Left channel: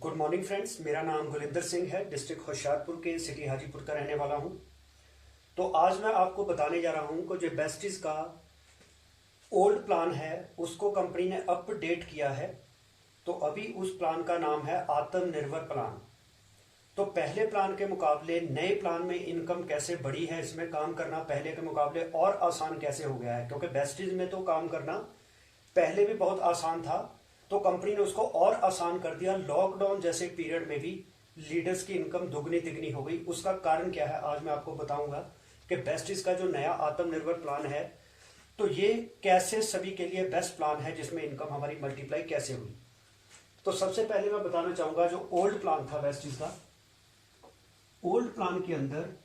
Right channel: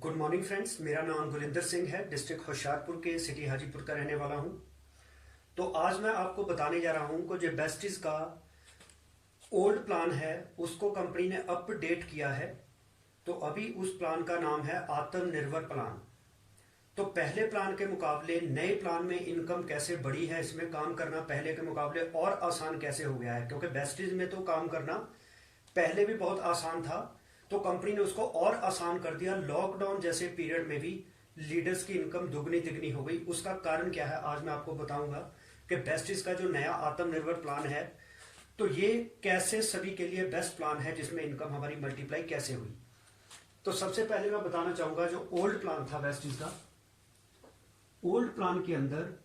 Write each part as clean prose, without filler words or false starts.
Good morning friends, मेरा नाम गुरिंदर सिंह है। डिस्ट्रिक्ट होशियारपुर के सिटी हाजीपुर का रहने वाला हूं। तो आज मैं आपको बताने जा रहा हूं कि जो बेस्टिस का ओल्ड प्लान है उसको कंपनी ने अपडेट किया है। तो अभी उस प्लान का नाम है आत्मनिर्भर प्लान। तो पहले प्लान के मुकाबले नए प्लान में इनकम कैसे बढ़ी है, इसमें काम करना पहले के मुकाबले और आसान कैसे हो गया है, क्योंकि बेस्टिस में तो काम करना पहले भी बहुत आसान था, तो कंपनी ने उसको और आसान कर दिया। लॉकडाउन जैसे पीरियड में भी लीडर्स की इनकम दुगनी तिगनी हो गई। उसका कारण क्या है आज मैं आपको बताऊंगा कि बेस्टिस का जो नया आत्मनिर्भर प्लान है तो ये कैसे सभी के लिए बेस्ट प्लान है, जिसमें इनकम हमारी मल्टीप्लाई कैसे हुई। तो सबसे पहले मैं बताना चाहूंगा जो ओल्ड प्लान था बेस्टिस का, ओल्ड प्लान के अंदर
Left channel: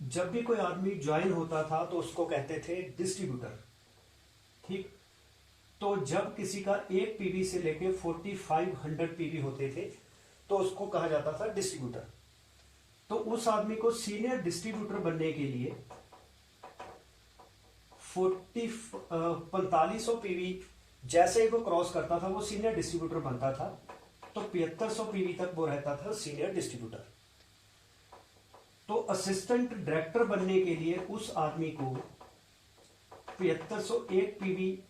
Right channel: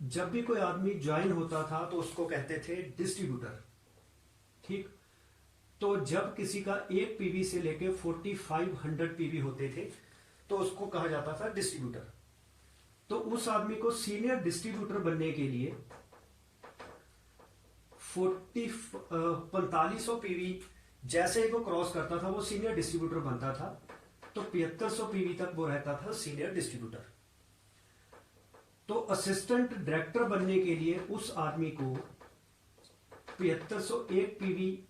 जब भी कोई आदमी ज्वाइन होता था तो उसको कहते थे डिस्ट्रीब्यूटर। ठीक, तो जब किसी का एक पीवी से लेके 4500 पीवी होते थे तो उसको कहा जाता था डिस्ट्रीब्यूटर। तो उस आदमी को सीनियर डिस्ट्रीब्यूटर बनने के लिए 4500 पीवी जैसे ही वो क्रॉस करता था वो सीनियर डिस्ट्रीब्यूटर बनता था। तो 7500 पीवी तक वो रहता था सीनियर डिस्ट्रीब्यूटर। तो असिस्टेंट डायरेक्टर बनने के लिए उस आदमी को 7501 पीवी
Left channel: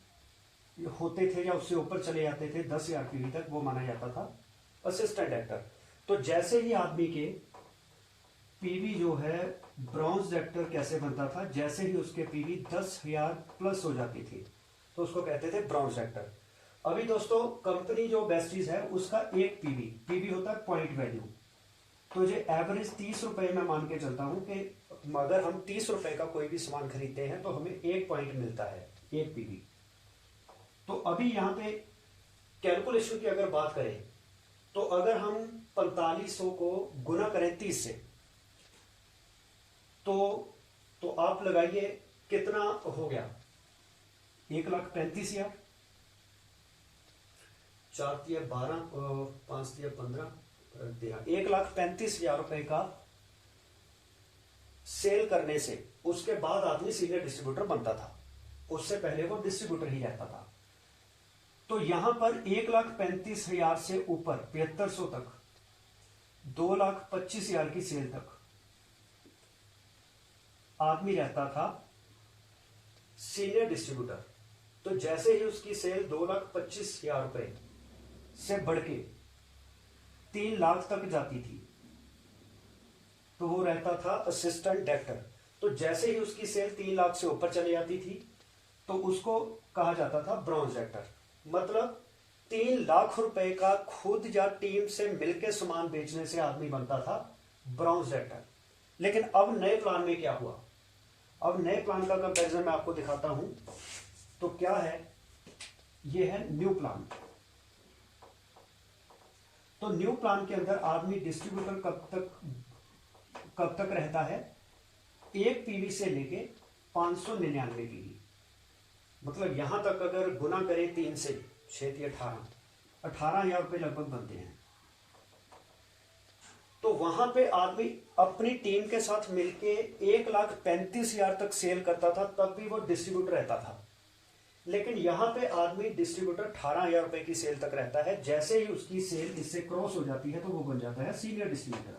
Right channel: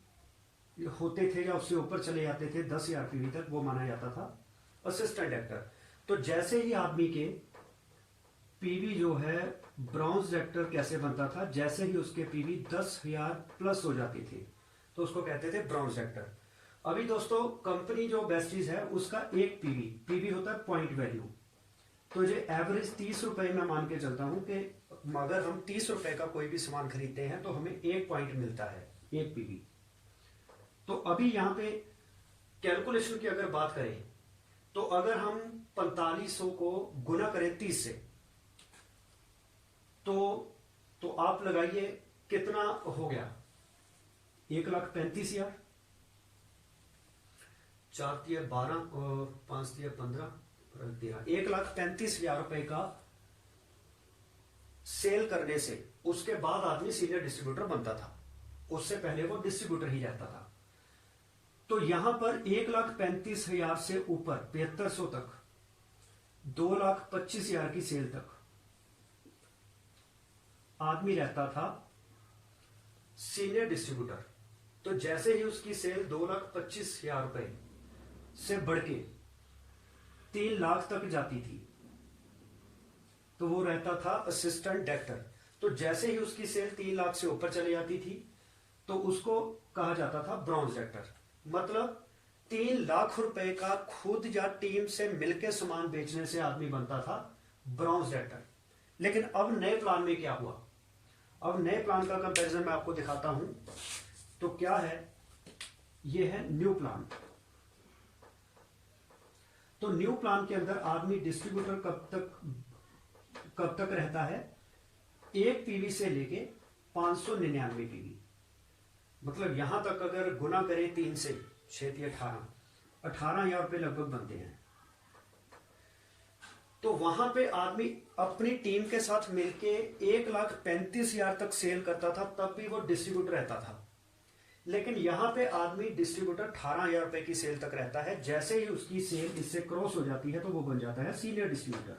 होते थे या उससे ऊपर चले जाते थे 10,000 पीवी तक, वो माना जाता था असिस्टेंट डायरेक्टर। तो जैसे ही आदमी के पीवी जो है ब्रॉन्ज डायरेक्टर कैसे बनता था, जैसे ही उसके पीवी 10,000 प्लस हो जाती थी तो उसको कहते थे ब्रॉन्ज डायरेक्टर। अभी दोस्तों कंपनी जो बेस्टिस है उसका एक पीवी होता है पॉइंट वैल्यू। तो ये एवरेज 30 रुपए में मान के चलता हूं कि अगर हम 30 रुपए का कोई भी सामान खरीदते हैं तो हमें एक पॉइंट मिलता है, एक पीवी। तो अभी यहां पे कैलकुलेशन की अगर बात करें तो अगर हम 4500 को गुना करें 30 से तो आप लगाइए कितना हो गया, 1,35,000। 4×12 और 5×15 1,35,000 रुपए का सेल करने से उसके बाद आदमी सीनियर डिस्ट्रीब्यूटर बनता था। उससे पहले वो डिस्ट्रीब्यूटर ही रहता था। तो यहां पर 1,35,000 से ऊपर 7500 तक, 2,25,000 की सेल तक आदमी रहता था सीनियर डिस्ट्रीब्यूटर। तो जैसे ही उसकी सेल 2,25,000 रुपए से बढ़ के 3 लाख तक जाती थी तो वो रहता था असिस्टेंट डायरेक्टर। तो जैसे ही उसकी सेल 3 लाख से ऊपर चली जाती थी तो उसको कहा जाता था ब्रॉन्ज डायरेक्टर। मतलब 3 लाख रुपए का खुद या टीम से मिलकर सामान बेचने से आदमी बनता था ब्रॉन्ज डायरेक्टर। लेकिन अब नए प्लान में क्या हुआ, अब नए प्लान का कंपैरिजन मैं आपको दिखाता हूं। तो क्या है, यह है न्यू प्लान। तो न्यू प्लान के अंदर आदमी डिस्ट्रीब्यूटर कब तक रहता है, एक पीवी से लेके 599 पीवी। मतलब यहां तक अगर गुना करें 3 से 6 18,000 रुपए लगभग बनते हैं। तो वहां पे आदमी अपनी टीम के साथ मिलके 1,35,000 तक सेल करता था, तब भी वो डिस्ट्रीब्यूटर रहता था। लेकिन यहां पे आदमी डिस्ट्रीब्यूटर 18,000 रुपए की सेल तक रहता है। जैसे ही उसकी सेल इससे क्रॉस हो जाती है तो वो बन जाता है सीनियर डिस्ट्रीब्यूटर।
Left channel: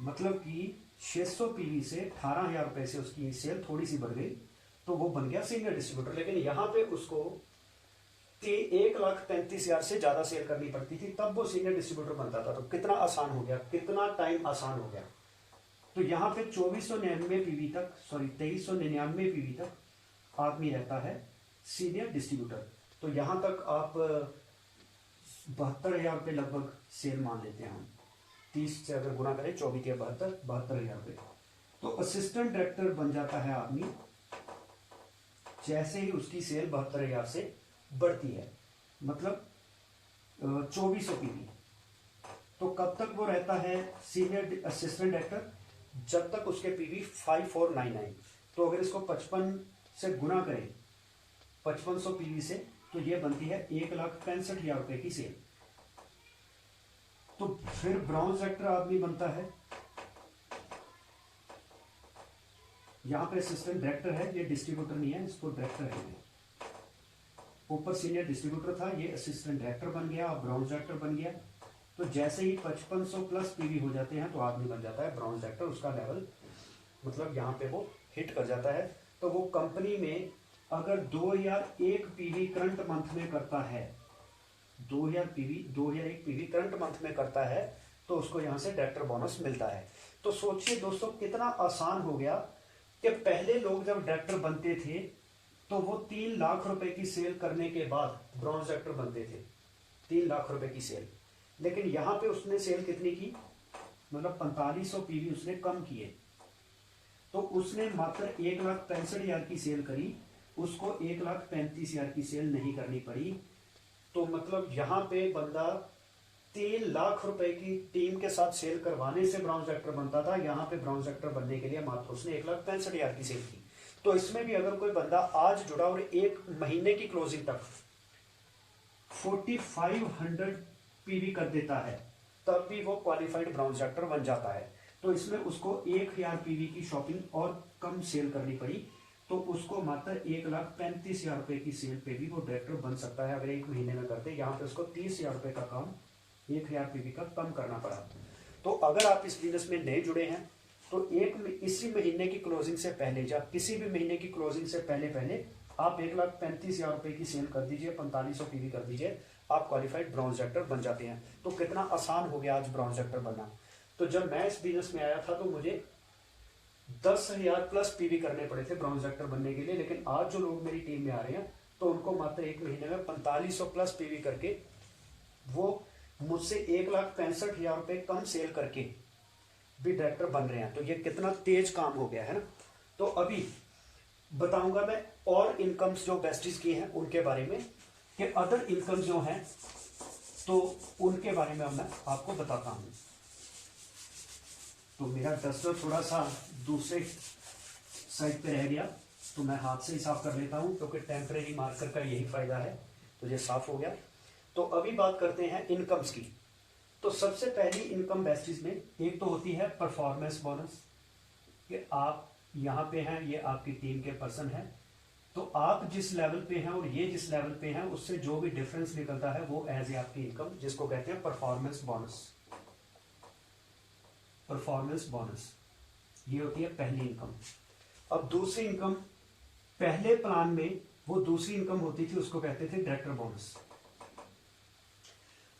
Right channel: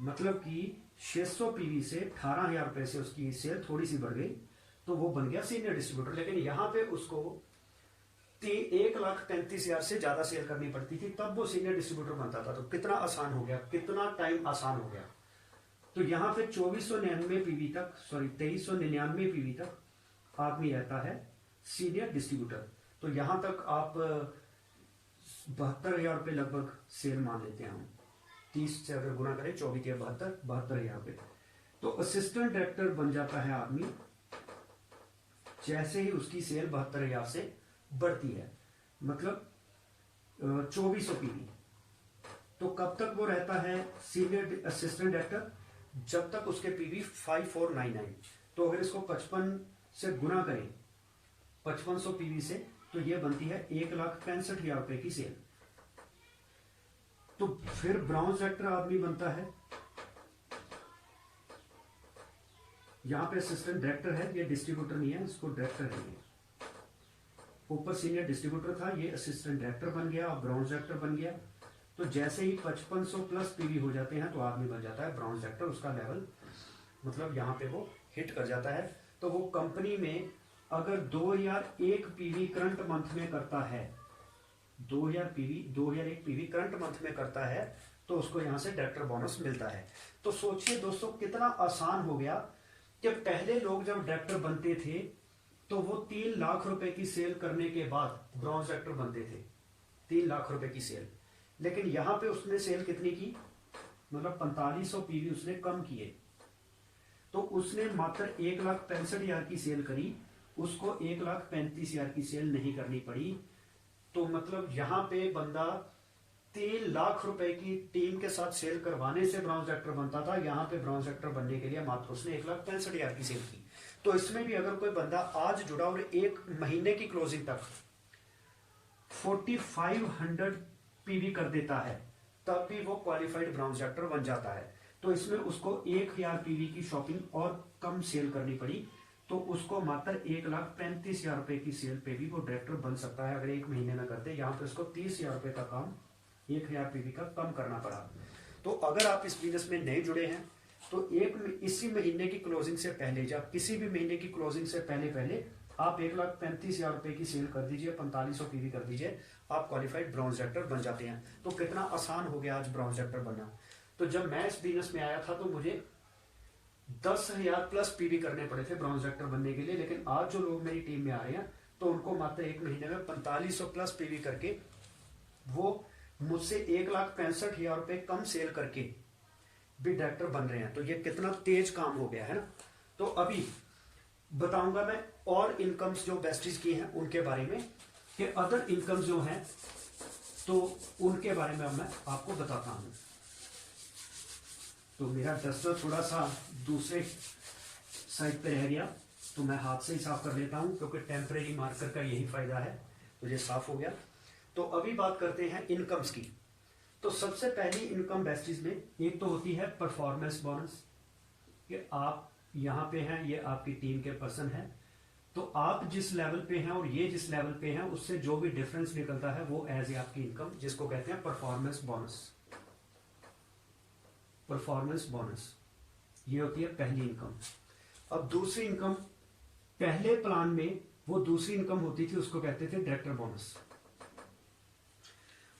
मतलब कि 600 पीवी से 18,000 रुपए से उसकी सेल थोड़ी सी बढ़ गई तो वो बन गया सीनियर डिस्ट्रीब्यूटर। लेकिन यहां पे उसको 1,35,000 से ज्यादा सेल करनी पड़ती थी, तब वो सीनियर डिस्ट्रीब्यूटर बनता था। तो कितना आसान हो गया, कितना टाइम आसान हो गया। तो यहां पे 2399 पीवी तक, 2399 पीवी तक आदमी रहता है सीनियर डिस्ट्रीब्यूटर। तो यहां तक आप 72,000 रुपए लगभग सेल मान लेते हैं हम। 30 से अगर गुना करें 72,000 रुपए। तो असिस्टेंट डायरेक्टर बन जाता है आदमी जैसे ही उसकी सेल 72,000 से बढ़ती है, मतलब 2400 पीवी। तो कब तक वो रहता है सीनियर असिस्टेंट डायरेक्टर, जब तक उसके पीवी 5499। तो अगर इसको 55 से गुना करें 5500 पीवी से तो ये बनती है 1,65,000 रुपए की सेल। तो फिर ब्रॉन्ज डायरेक्टर आदमी बनता है, यहां पे असिस्टेंट डायरेक्टर है, ये डिस्ट्रीब्यूटर नहीं है, इसको डायरेक्टर है। ऊपर सीनियर डिस्ट्रीब्यूटर था, ये असिस्टेंट डायरेक्टर बन गया, अब ब्रॉन्ज डायरेक्टर बन गया। तो जैसे ही 5500 प्लस पीवी हो जाते हैं तो आदमी बन जाता है ब्रॉन्ज डायरेक्टर, उसका लेवल मतलब यहाँ पे वो हिट कर जाता है। तो वो कंपनी में अगर 2001 पीवी करंट मंथ में करता है, 2001 पीवी करंट मंथ में करता है, तो उसको यहाँ से डायरेक्टर बोनस मिलता है। तो सोचिए दोस्तों कितना आसान हो गया कि पहले लोग जब डायरेक्टर बनते थे तो वो 3 लाख रुपए की सेल करने के बाद ब्रॉन्ज डायरेक्टर बनते थे, 3 लाख रुपए की सेल। लेकिन यहां पे उसने सेल कितनी की, मतलब 4500 पीवी उसने कम किए, तो उसने मात्र 1,65,000 की सेल करी, उसको 1,35,000 की सेल नहीं करनी पड़ी। तो मतलब यहां पे बंदा 3 लाख रुपए की टीम के साथ सेल करवाने से ब्रॉन्ज डायरेक्टर बनता था, यहां पे ब्रॉन्ज डायरेक्टर बनने के लिए मात्र उसने 1,65,000 की सेल की। तो इसमें भी अगर कोई बंदा आज जुड़ा और 1 महीने की क्लोजिंग तक 4500 पीवी कर देता है, तब भी वो क्वालिफाइड ब्रॉन्ज डायरेक्टर बन जाता है। तो इसमें उसको 1000 पीवी की शॉपिंग और कम सेल करनी पड़ी, तो उसको मात्र 1,35,000 रुपए की सेल पे भी वो डायरेक्टर बन सकता है अगर 1 महीने में करते। यहाँ पे उसको 30,000 रुपए का काम 1000 पीवी का कम करना पड़ा। तो अगर आप इस बिजनेस में नए जुड़े हैं तो इसी महीने की क्लोजिंग से पहले, जब किसी भी महीने की क्लोजिंग से पहले आप 1,35,000 रुपए की सेल कर दीजिए, 4500 पीवी कर दीजिए, आप क्वालिफाइड ब्रॉन्ज डायरेक्टर बन जाते हैं। तो कितना आसान हो गया आज ब्रॉन्ज डायरेक्टर बनना। तो जब मैं इस बिजनेस में आया था तो मुझे 10,000 प्लस पीवी करने पड़े थे ब्रॉन्ज डायरेक्टर बनने के लिए, लेकिन आज जो लोग मेरी टीम में आ रहे हैं तो उनको मात्र 1 महीने में 4500 प्लस पीवी करके वो मुझसे 1,65,000 रुपए कम सेल करके भी डायरेक्टर बन रहे हैं। तो ये कितना तेज काम हो गया है ना। तो अभी बताऊंगा मैं और इनकम्स जो बेस्टीज की हैं उनके बारे में, कि अदर इनकम जो हैं तो उनके बारे में अब मैं आपको बताता हूं। तो मेरा डस्टर थोड़ा सा दूसरे साइड पे रह गया, तो मैं हाथ से ही साफ कर लेता हूं, क्योंकि टेम्परेरी मार्कर का यही फायदा है। तो ये साफ हो गया। तो अभी बात करते हैं इनकम्स की। तो सबसे पहली इनकम बेस्टीज में एक तो होती है परफॉर्मेंस बोनस, कि आप यहां पे हैं, ये आपकी टीम के पर्सन हैं, तो आप जिस लेवल पे हैं और ये जिस लेवल पे हैं उससे जो भी डिफरेंस निकलता है वो एज ए आपकी इनकम, जिसको कहते हैं परफॉर्मेंस बोनस। परफॉर्मेंस बोनस ये होती है पहली इनकम। अब दूसरी इनकम, पहले प्लान में वो दूसरी इनकम होती थी, उसको कहते थे डायरेक्टर बोनस।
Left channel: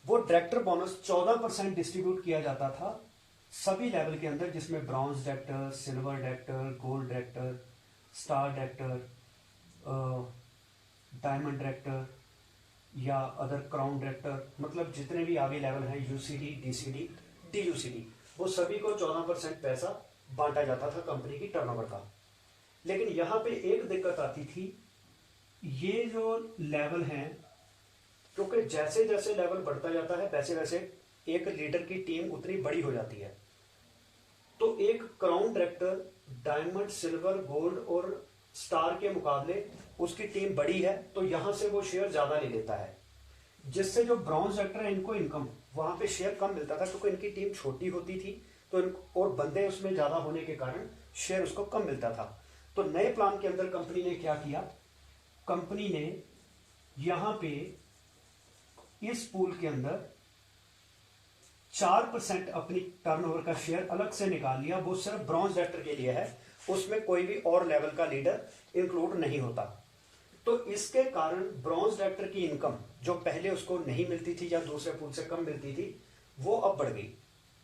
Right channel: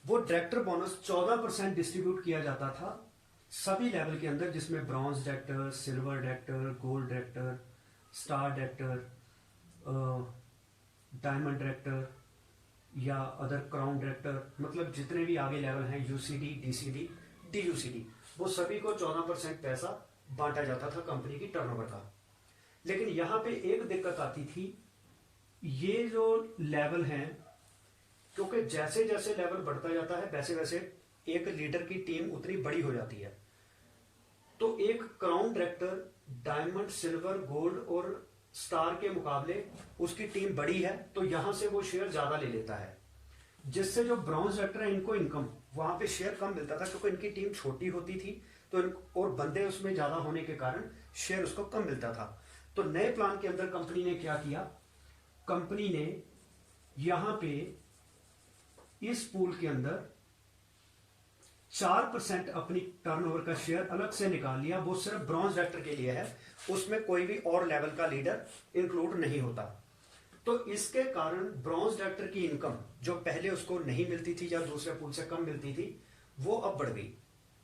वो डायरेक्टर बोनस 14% डिस्ट्रीब्यूट किया जाता था सभी लेवल के अंदर, जिसमें bronze director, silver director, gold director, star director, diamond director या अदर क्राउन डायरेक्टर, मतलब जितने भी आगे लेवल हैं, यूसीडी, डीसीडी, डीयूसीडी, वो सभी को 14% पैसा बांटा जाता था कंपनी की टर्नओवर का। लेकिन यहां पे एक दिक्कत आती थी, ये जो लेवल हैं, क्योंकि जैसे जैसे लेवल बढ़ता जाता है वैसे वैसे एक लीडर की टीम उतनी बड़ी हो जाती है। तो एक crown director diamond, silver, gold और स्टार के मुकाबले उसकी टीम बड़ी है, तो यहां से वो शेयर ज्यादा ले लेता है, जिससे जो ब्रॉन्ज डायरेक्टर है इनको इनकम वहां पे शेयर कम मिलता था, क्योंकि इनकी टीम छोटी होती थी तो और बंदे उसमें ज्यादा होने के कारण शेयर उसको कम मिलता था। तो नए प्लान के अंदर कंपनी ने क्या किया, कंपनी ने यहां पे इस पूल के अंदर 4% अपनी टर्नओवर का शेयर अलग से निकाल लिया, वो सिर्फ ब्रॉन्ज डायरेक्टर के लिए है, उसमें कोई भी और लेवल का लीडर इंक्लूड नहीं होता। तो इसके कारण ब्रॉन्ज डायरेक्टर की इनकम जो पहले उसको नहीं मिलती थी या दूसरे पूल से कम मिलती थी, वो अब बढ़ गई।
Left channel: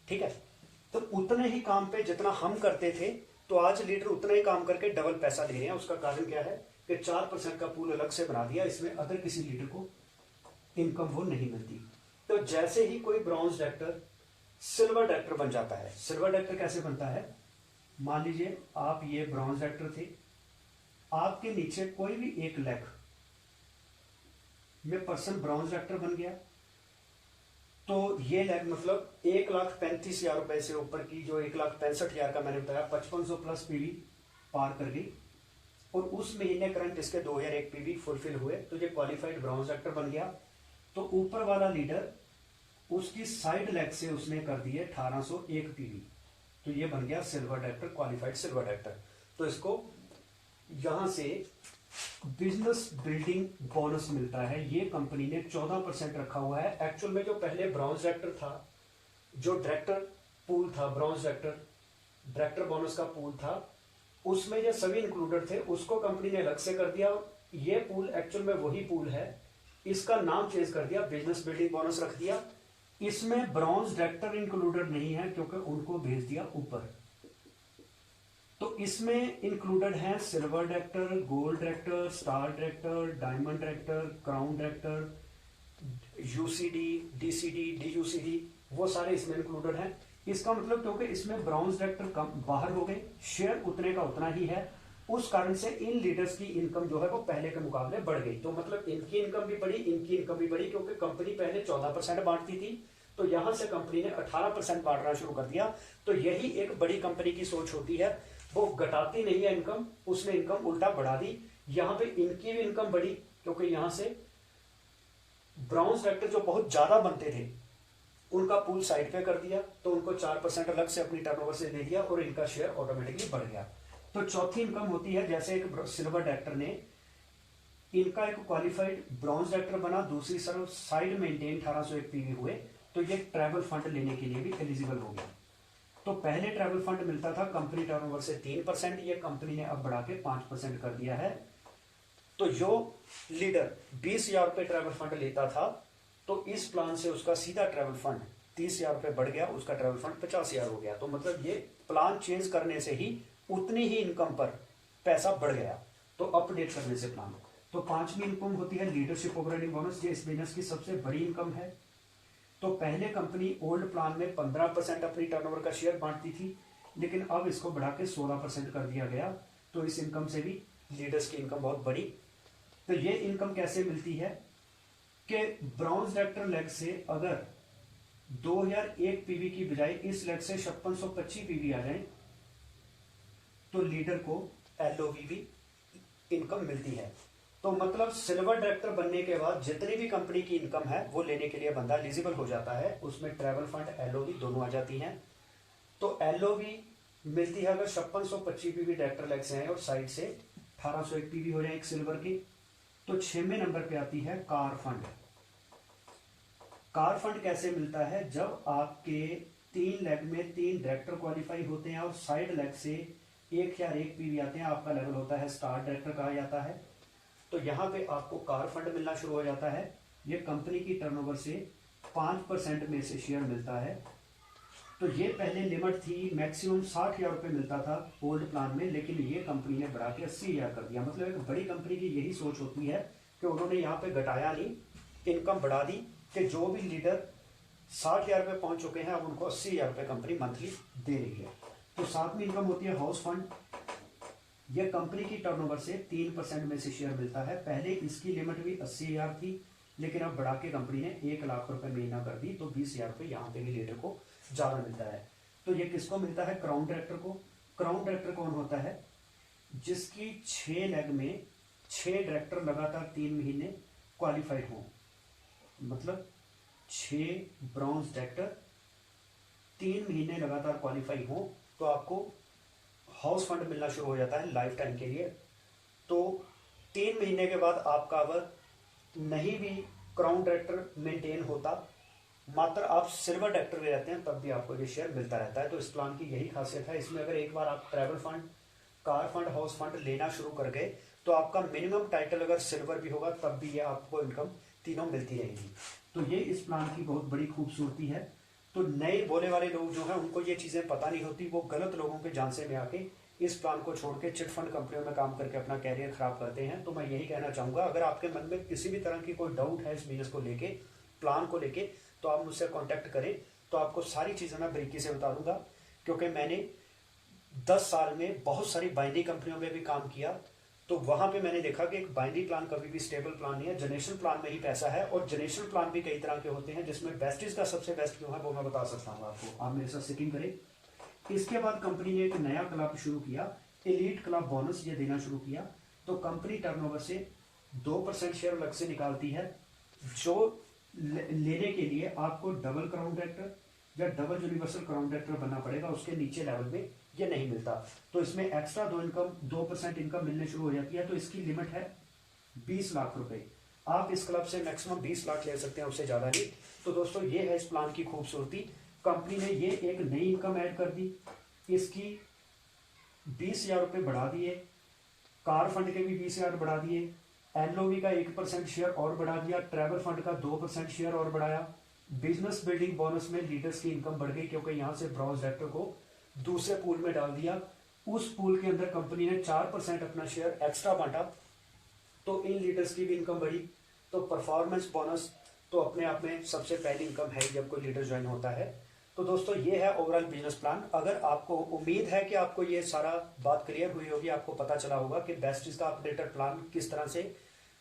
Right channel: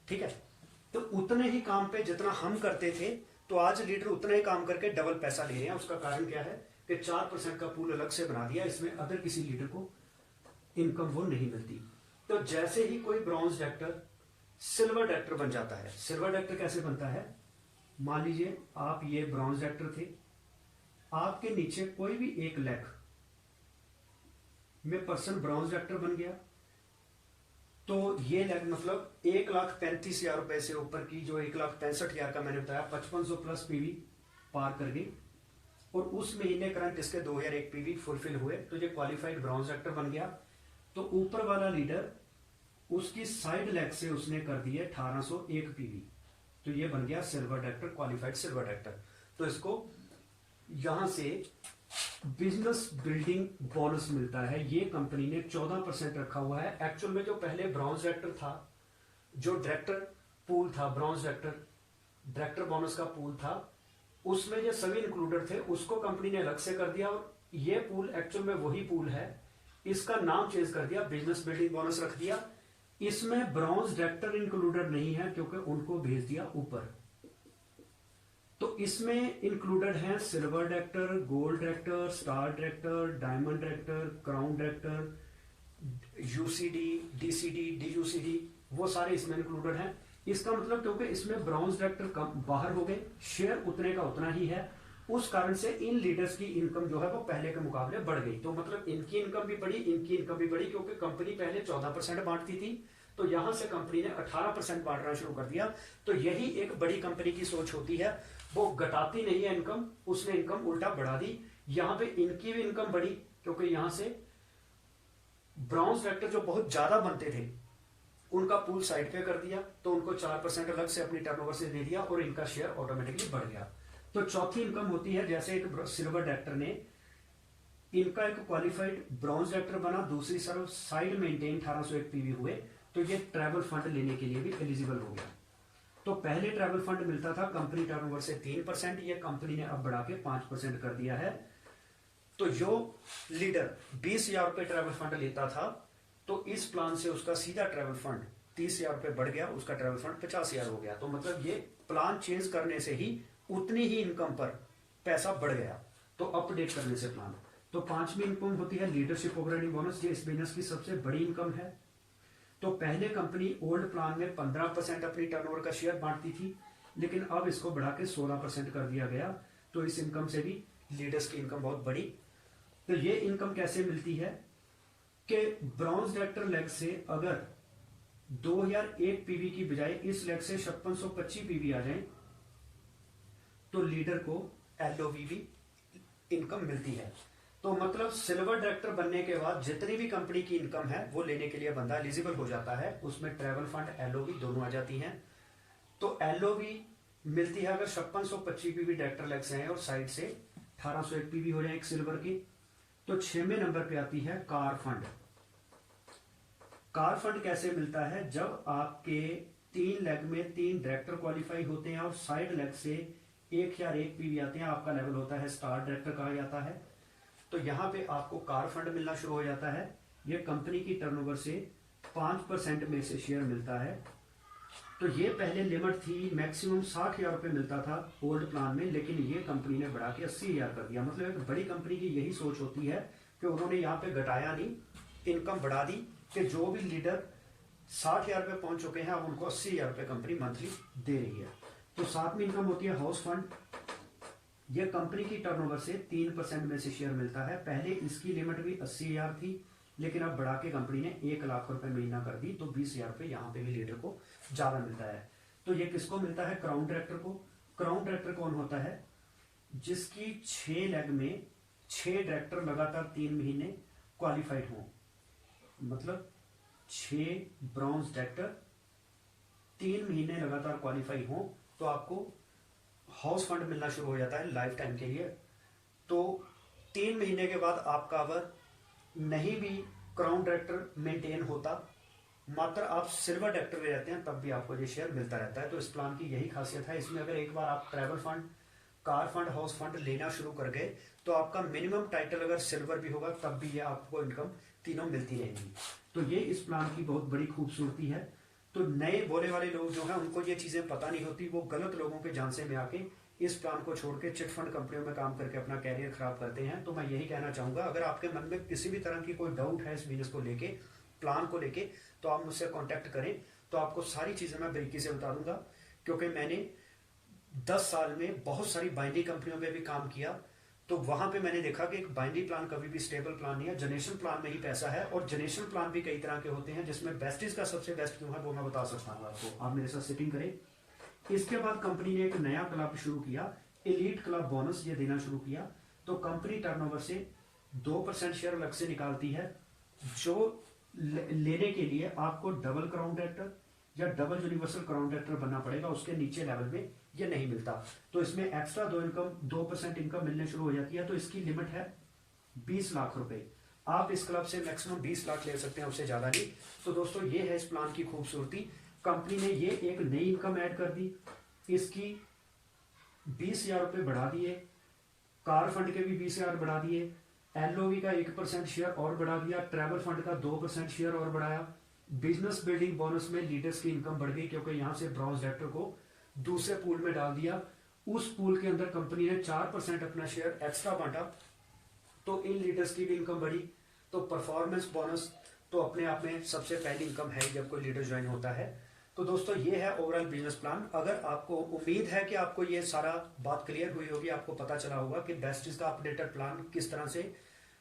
ठीक है, तो उतने ही काम पे जितना हम करते थे, तो आज लीडर उतना ही काम करके डबल पैसा ले रहे हैं। उसका कारण क्या है कि 4% का पूल अलग से बना दिया, इसमें अदर किसी लीडर को इनकम वो नहीं मिलती। तो जैसे ही कोई ब्रॉन्ज डायरेक्टर सिल्वर डायरेक्टर बन जाता है, सिल्वर डायरेक्टर कैसे बनता है, मान लीजिए आप ये ब्रॉन्ज डायरेक्टर थे, आपके नीचे कोई भी एक लैख में पर्सन ब्रॉन्ज डायरेक्टर बन गया, तो ये लैख मतलब 1,35,000 रुपए से ऊपर की, जो 1,65,000 का मैंने बताया, 5500 प्लस पीवी पार कर गई, और उस महीने करंट इसके 2001 पीवी फुलफिल हुए, तो ये क्वालिफाइड ब्रॉन्ज डायरेक्टर बन गया। तो ऊपर वाला लीडर उसकी साइड लेग से उसने कर दिए 1801 पीवी, तो ये बन गया silver director, qualified silver director. तो इसको यहां से बिजनेस बिल्डिंग बोनस मिलता है, ये कंपनी ने 14% रखा हुआ है। एक्चुअल में जो पहले ब्रॉन्ज डायरेक्टर था, जो डायरेक्टर पूल था, ब्रॉन्ज डायरेक्टर बोनस का पूल था, उसमें ये सभी इंक्लूडेड थे, उसको कंपनी ने अलग से कर दिया और ये पूल एक्चुअल में वही पूल है, इसका नाम चेंज कर दिया, बिजनेस बिल्डिंग बोनस रख दिया। इसमें ब्रॉन्ज डायरेक्टर इंक्लूडेड नहीं है क्योंकि उनको भेज दिया ऊपर। तो इसमें इंक्लूडेड है silver director, gold director, star director, diamond director, crown director, UCD, DCD, DUCD, वो सारे इसमें इंक्लूडेड हैं। इसका मतलब क्योंकि इसमें ब्रॉन्ज डायरेक्टर कम बाहर हो गए, शेयर उतने का उतना ही है, उस कारण से इन लीडर्स की इनकम जो है वो पहले के मुकाबले बढ़ गई। तो मतलब इनकी इनकम भी बढ़ी, इनकी इनकम भी बढ़ी, क्योंकि कंपनी पहले 14% बांटती थी, तो यहां से कंपनी ने 18% बांटना शुरू कर दिया। तो यही एक बड़ी कंपनी की सोच होती है, वो घटाती नहीं है इनकम, उसने इनकम उल्टा बढ़ा दी। यहां पे इनकी भी इनकम बढ़ी क्योंकि यहां से ब्रॉन्ज डायरेक्टर जो बहुत ज्यादा बनते थे उनका पूल साइड पे कर दिया, तो उनको 4% अलग से अपनी टर्नओवर से दे दिया और इनका शेयर ऑटोमेटिकली बढ़ गया। तो चौथी इनकम होती है, जैसे एक सिल्वर डायरेक्टर ने इनका एक क्वालिफाइड ब्रॉन्ज डायरेक्टर बना, दूसरी साइड मेंटेन 1801 पीवी हुए, तो ये ट्रैवल फंड लेने के लिए भी एलिजिबल हो गया। तो पहले ट्रैवल फंड मिलता था कंपनी टर्नओवर से 3%, ये कंपनी ने अब बढ़ा के 5% कर दिया है। तो जो लीडर 20,000 रुपए ट्रैवल फंड लेता था, तो इस प्लान से उसका सीधा ट्रैवल फंड 30,000 रुपए बढ़ गया, उसका ट्रैवल फंड 50,000 हो गया। तो मतलब ये प्लान चेंज करने से ही उतनी ही इनकम पर पैसा बढ़ गया, तो अपडेट करने से प्लान। तो पांचवी इनकम होती है लीडरशिप ऑपरेटिंग बोनस, ये इस बिजनेस की सबसे बड़ी इनकम है। तो पहले कंपनी ओल्ड प्लान में 15% अपनी टर्नओवर का शेयर बांटती थी, लेकिन अब इसको बढ़ा के 16% कर दिया गया। तो इस इनकम से भी लीडर्स की इनकम बहुत बड़ी। तो ये इनकम कैसे मिलती है कि ब्रॉन्ज डायरेक्टर लेग से अगर 2001 पीवी की बजाय इस लेग से 5625 पीवी आ जाए तो लीडर को एलओवी इनकम मिलती है। तो मतलब सिल्वर डायरेक्टर बनने के बाद जितनी भी कंपनी की इनकम है वो लेने के लिए बंदा एलिजिबल हो जाता है, उसमें ट्रैवल फंड एलओवी दोनों आ जाती हैं। तो एलओवी मिलती है अगर 5625 पीवी डायरेक्टर लेग से है और साइड से 1801 पीवी हो जाए एक सिल्वर की। तो 6वें नंबर पे आती है कार फंड। कार फंड कैसे मिलता है, जब आपके 3 लेग में 3 डायरेक्टर क्वालिफाई होते हैं और साइड लेग से 1001 पीवी आते हैं, आपका लेवल होता है स्टार डायरेक्टर कहा जाता है। तो यहां पे आपको कार फंड मिलना शुरू हो जाता है। ये कंपनी की टर्नओवर से 5% में से शेयर मिलता है। तो ये पहले लिमिट थी, मैक्सिमम 60,000 रुपए मिलता था ओल्ड प्लान में, लेकिन ये कंपनी ने बढ़ा के 80,000 कर दिया। मतलब एक बड़ी कंपनी की यही सोच होती है कि उन्होंने यहाँ पे घटाया नहीं, इनकम बढ़ा दी, कि जो भी लीडर 60,000 रुपए पहुंच चुके हैं अब उनको 80,000 रुपए कंपनी मंथली दे रही है। तो 7वीं इनकम होती है हाउस फंड। यह कंपनी की टर्नओवर से 3% में से शेयर मिलता है। पहले इसकी लिमिट भी 80,000 थी, लेकिन अब बढ़ा के कंपनी ने 1 लाख रुपए महीना कर दी, तो 20,000 रुपए यहां पे भी लीडर को ज्यादा मिलता है। तो ये किसको मिलता है, क्राउन डायरेक्टर को। क्राउन डायरेक्टर कौन होता है, जिसकी 6 लेग में 6 डायरेक्टर लगातार 3 महीने क्वालिफाइड हो, मतलब 6 ब्रॉन्ज डायरेक्टर 3 महीने लगातार क्वालिफाई हो, तो आपको हाउस फंड मिलना शुरू हो जाता है लाइफ टाइम के लिए। तो 3 महीने के बाद आपका अगर नहीं भी क्राउन डायरेक्टर मेंटेन होता, मात्र आप सिल्वर डायरेक्टर में रहते हैं, तब भी आपको ये शेयर मिलता रहता है। तो इस प्लान की यही खासियत है। इसमें अगर एक बार आप travel fund, car fund, house fund लेना शुरू कर गए तो आपका मिनिमम टाइटल अगर सिल्वर भी होगा तब भी ये आपको इनकम तीनों मिलती रहेगी। तो ये इस प्लान की बहुत बड़ी खूबसूरती है। तो नए भोले वाले लोग जो हैं उनको ये चीजें पता नहीं होती, वो गलत लोगों के झांसे में आके इस प्लान को छोड़ के चिट फंड कंपनियों में काम करके अपना कैरियर खराब करते हैं। तो मैं यही कहना चाहूंगा, अगर आपके मन में किसी भी तरह की कोई डाउट है इस बिजनेस को लेके, प्लान को लेके, तो आप मुझसे कांटेक्ट करें, तो आपको सारी चीजें मैं बारीकी से बता दूंगा। क्योंकि मैंने 10 साल में बहुत सारी बाइंडिंग कंपनियों में भी काम किया, तो वहां पे मैंने देखा कि एक बाइंडिंग प्लान कभी भी स्टेबल प्लान नहीं है, जनरेशन प्लान में ही पैसा है। और जनरेशन प्लान भी कई तरह के होते हैं, जिसमें बेस्टिज का सबसे बेस्ट क्यों है वो मैं बता सकता हूँ आपको। आप मेरे साथ सिटिंग करें। इसके बाद कंपनी ने एक नया क्लब शुरू किया, एलीट क्लब बोनस, ये देना शुरू किया। तो कंपनी टर्नओवर से 2% शेयर अलग से निकालती है, जो लेने के लिए आपको डबल क्राउन डायरेक्टर या डबल यूनिवर्सल क्राउन डायरेक्टर बनना पड़ेगा, उसके नीचे लेवल में ये नहीं मिलता। तो इसमें एक्स्ट्रा 2% इनकम मिलने शुरू हो जाती है। तो इसकी लिमिट है 20 लाख रुपए। आप इस क्लब से मैक्सिमम 20 लाख ले सकते हैं, उससे ज्यादा नहीं। तो दोस्तों ये है इस प्लान की खूबसूरती। कंपनी ने ये एक नई इनकम ऐड कर दी, इसकी 20,000 रुपए बढ़ा दिए, कार फंड के भी 20,000 बढ़ा दिए, एलओवी का 1% शेयर और बढ़ा दिया, ट्रैवल फंड का 2% शेयर और बढ़ाया, बिजनेस बिल्डिंग बोनस में लीडर्स की इनकम बढ़ गई क्योंकि यहां से ब्रॉन्ज डायरेक्टर को दूसरे पूल में डाल दिया। उस पूल के अंदर कंपनी ने 4% अपना शेयर एक्स्ट्रा बांटा, तो इन लीडर्स की भी इनकम बढ़ी। तो परफॉर्मेंस बोनस तो अपने आप में सबसे पहली इनकम है जब कोई लीडर ज्वाइन होता है। तो दोस्तों ये है ओवरऑल बिजनेस प्लान। अगर आपको, उम्मीद है कि आपको ये सारा बात क्लियर हुई होगी, आपको पता चला होगा कि बेस्टीज का अपडेटेड प्लान किस तरह से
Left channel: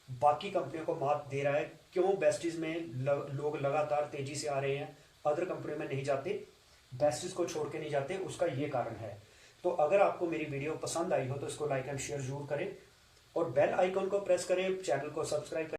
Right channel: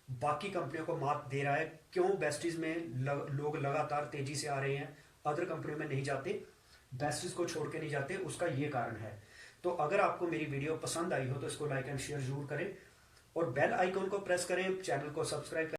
बाकी कंपनियों को मात दे रहा है, क्यों बेस्टीज में लोग लगातार तेजी से आ रहे हैं, अदर कंपनियों में नहीं जाते, बेस्टीज को छोड़ के नहीं जाते, उसका ये कारण है। तो अगर आपको मेरी वीडियो पसंद आई हो तो इसको लाइक एंड शेयर जरूर करें और बेल आइकन को प्रेस करें, चैनल को सब्सक्राइब करें।